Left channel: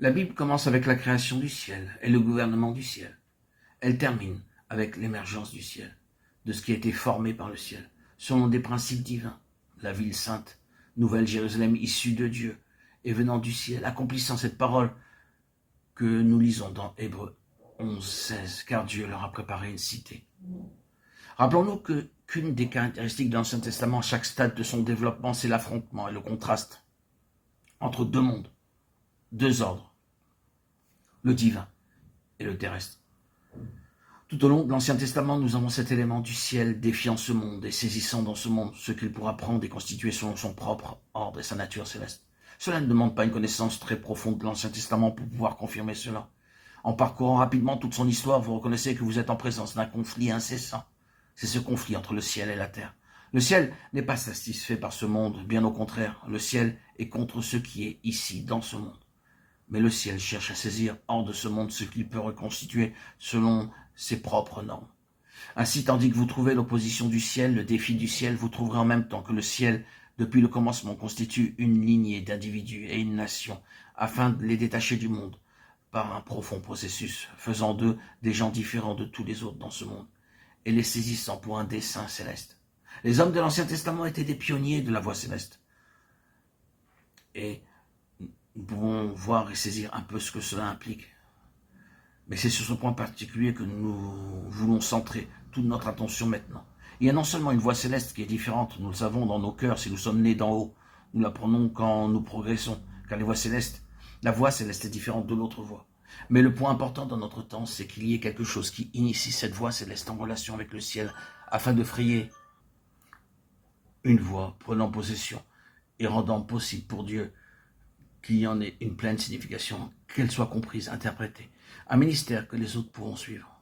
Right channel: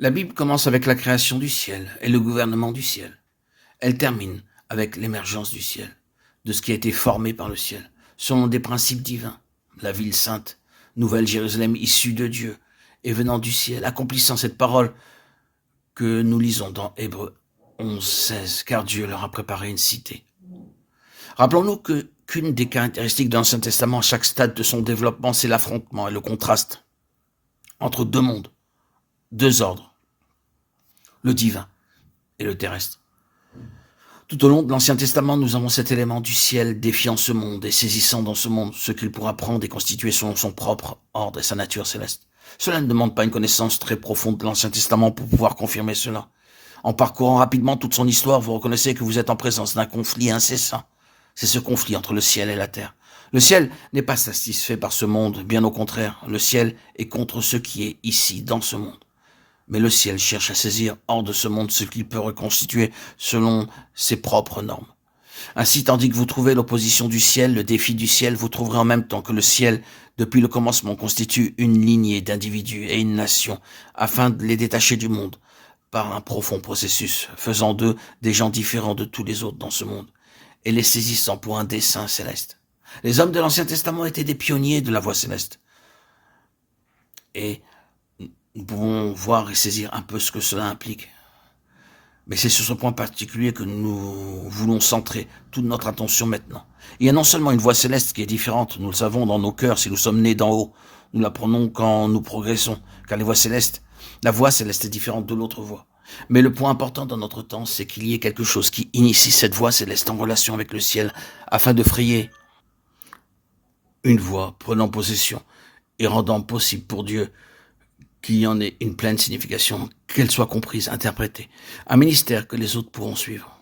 La Bible commence avec la création du ciel et le gouvernement du ciel. Elle termine avec l'émergence du ciel, de ce qui a été formé par le ciel, selon des principes divins. La ville sainte, nouvelle Jérusalem issue de Dieu et venant du ciel, accomplissant cette parole que nous lisons dans Hébreux 11:16, car Dieu leur a préparé une cité. Rappelons-nous qu'une des caractéristiques de l'Ancien Testament à chaque stade de son développement, c'est l'affrontement et le contraste entre deux mondes, deux ordres, le divin et le terrestre. Tout au long de l'Ancien Testament, nous avons cet élément du ciel défiant ce monde et saisissant dans ce monde ce qu'il pourra prendre et constituer selon son propre ordre et sa nature céleste. Cela ne demande pas une connaissance très profonde de l'Ancien Testament pour pouvoir confirmer cela. En parcourant rapidement toute son histoire, vous reconnaissez que vous êtes en présence d'un conflit incessant. C'est ce conflit entre le ciel et la terre. Le ciel n'est pas satisfait par ce monde, bien au contraire. Le ciel est contre ce qui est ici, dans ce monde. Mais le ciel cherche à saisir hors de ce monde ce qu'il peut reconstituer selon ses propres normes. Ainsi, tandis que vous trouvez l'opposition du ciel, le défi du ciel, vous trouverez en même temps que le ciel, depuis le commencement, constitue une lignée d'individus et une nation, afin de les détacher du monde par un profond processus, faisant d'eux des gens différents de tous les autres dans ce monde, et les saisissant pour un dessein céleste. Les hommes de l'Ancien Testament étaient des pionniers de la voie céleste. Et nous pouvons voir et saisir un peu ce que cela implique. Mais c'est sur ce point particulier que nous voulons centrer toute notre attention maintenant. Il y a non seulement une voie céleste qui est différente, nous le savons dans nos cœurs si nous sommes nés d'en haut, nous l'apprenons quand nous progressons, car la voie céleste est différente de l'autre voie. Mais le point important dans notre temps, c'est qu'il y ait quelque chose qui initie cette voie céleste en relation avec le ciel, afin de frayer une voie prenant possession et rendant possible pour Dieu qu'il y en ait une pleine signification, qu'elle soit comprise, interprétée. Un ministère que les autres pourront suivre.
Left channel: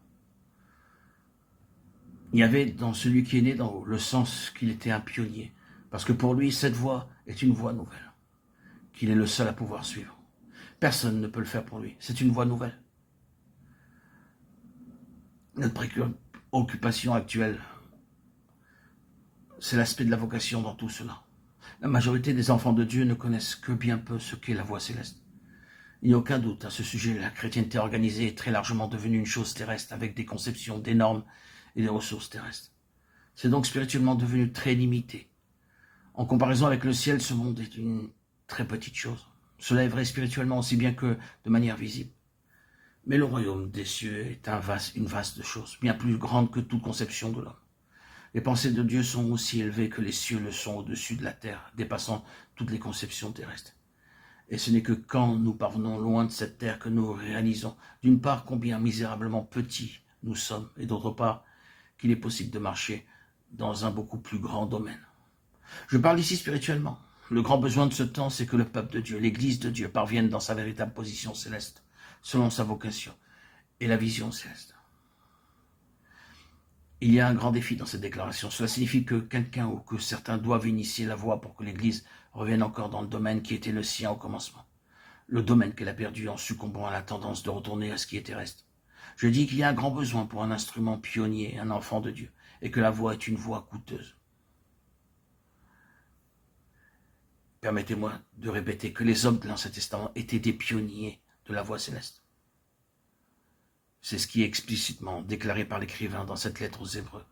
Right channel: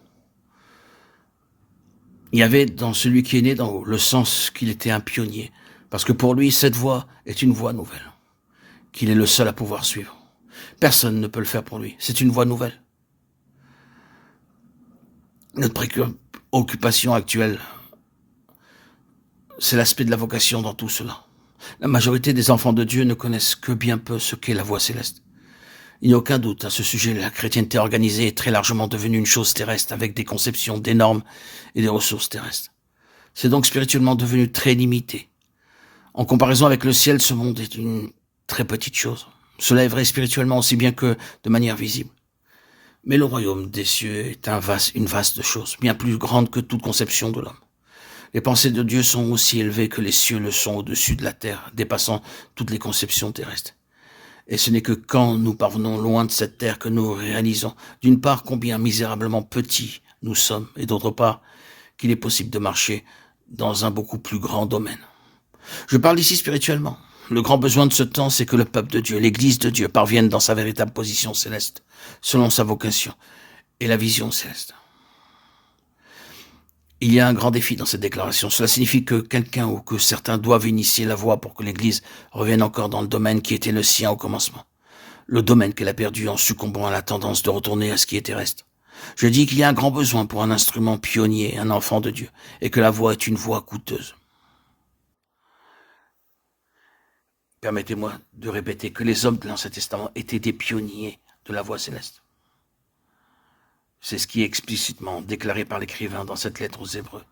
Il y avait dans celui qui est né d'en haut le sens qu'il était un pionnier, parce que pour lui, cette voie est une voie nouvelle, qu'il est le seul à pouvoir suivre. Personne ne peut le faire pour lui, c'est une voie nouvelle. Notre préoccupation actuelle, c'est l'aspect de la vocation dans tout cela. La majorité des enfants de Dieu ne connaissent que bien peu ce qu'est la voie céleste. Il n'y a aucun doute à ce sujet, la chrétienté organisée est très largement devenue une chose terrestre avec des conceptions, des normes et des ressources terrestres. C'est donc spirituellement devenu très limité. En comparaison avec le ciel, ce monde est une très petite chose. Cela est vrai spirituellement aussi bien que de manière visible. Mais le royaume des cieux est une vaste chose, bien plus grande que toute conception de l'homme. Les pensées de Dieu sont aussi élevées que les cieux le sont au-dessus de la terre, dépassant toutes les conceptions terrestres. Et ce n'est que quand nous parvenons loin de cette terre que nous réalisons, d'une part, combien misérablement petits nous sommes, et d'autre part, qu'il est possible de marcher dans un beaucoup plus grand domaine. Je parle ici spirituellement. Le grand besoin de ce temps, c'est que le peuple de Dieu, l'Église de Dieu, parvienne dans sa véritable position céleste, selon sa vocation et la vision céleste. Il y a un grand défi dans cette déclaration. Cela signifie que quelqu'un ou que certains doivent initier la voie pour que l'Église revienne encore dans le domaine qui était le sien au commencement. Le domaine qu'elle a perdu en succombant à la tendance de retourner à ce qui est terrestre. Je dis qu'il y a un grand besoin pour un instrument pionnier, un enfant de Dieu, et que la voie est une voie coûteuse. Permettez-moi de répéter que les hommes de l'Ancien Testament étaient des pionniers de la voie céleste. C'est ce qui est explicitement déclaré par l'écrivain dans cette lettre aux Hébreux.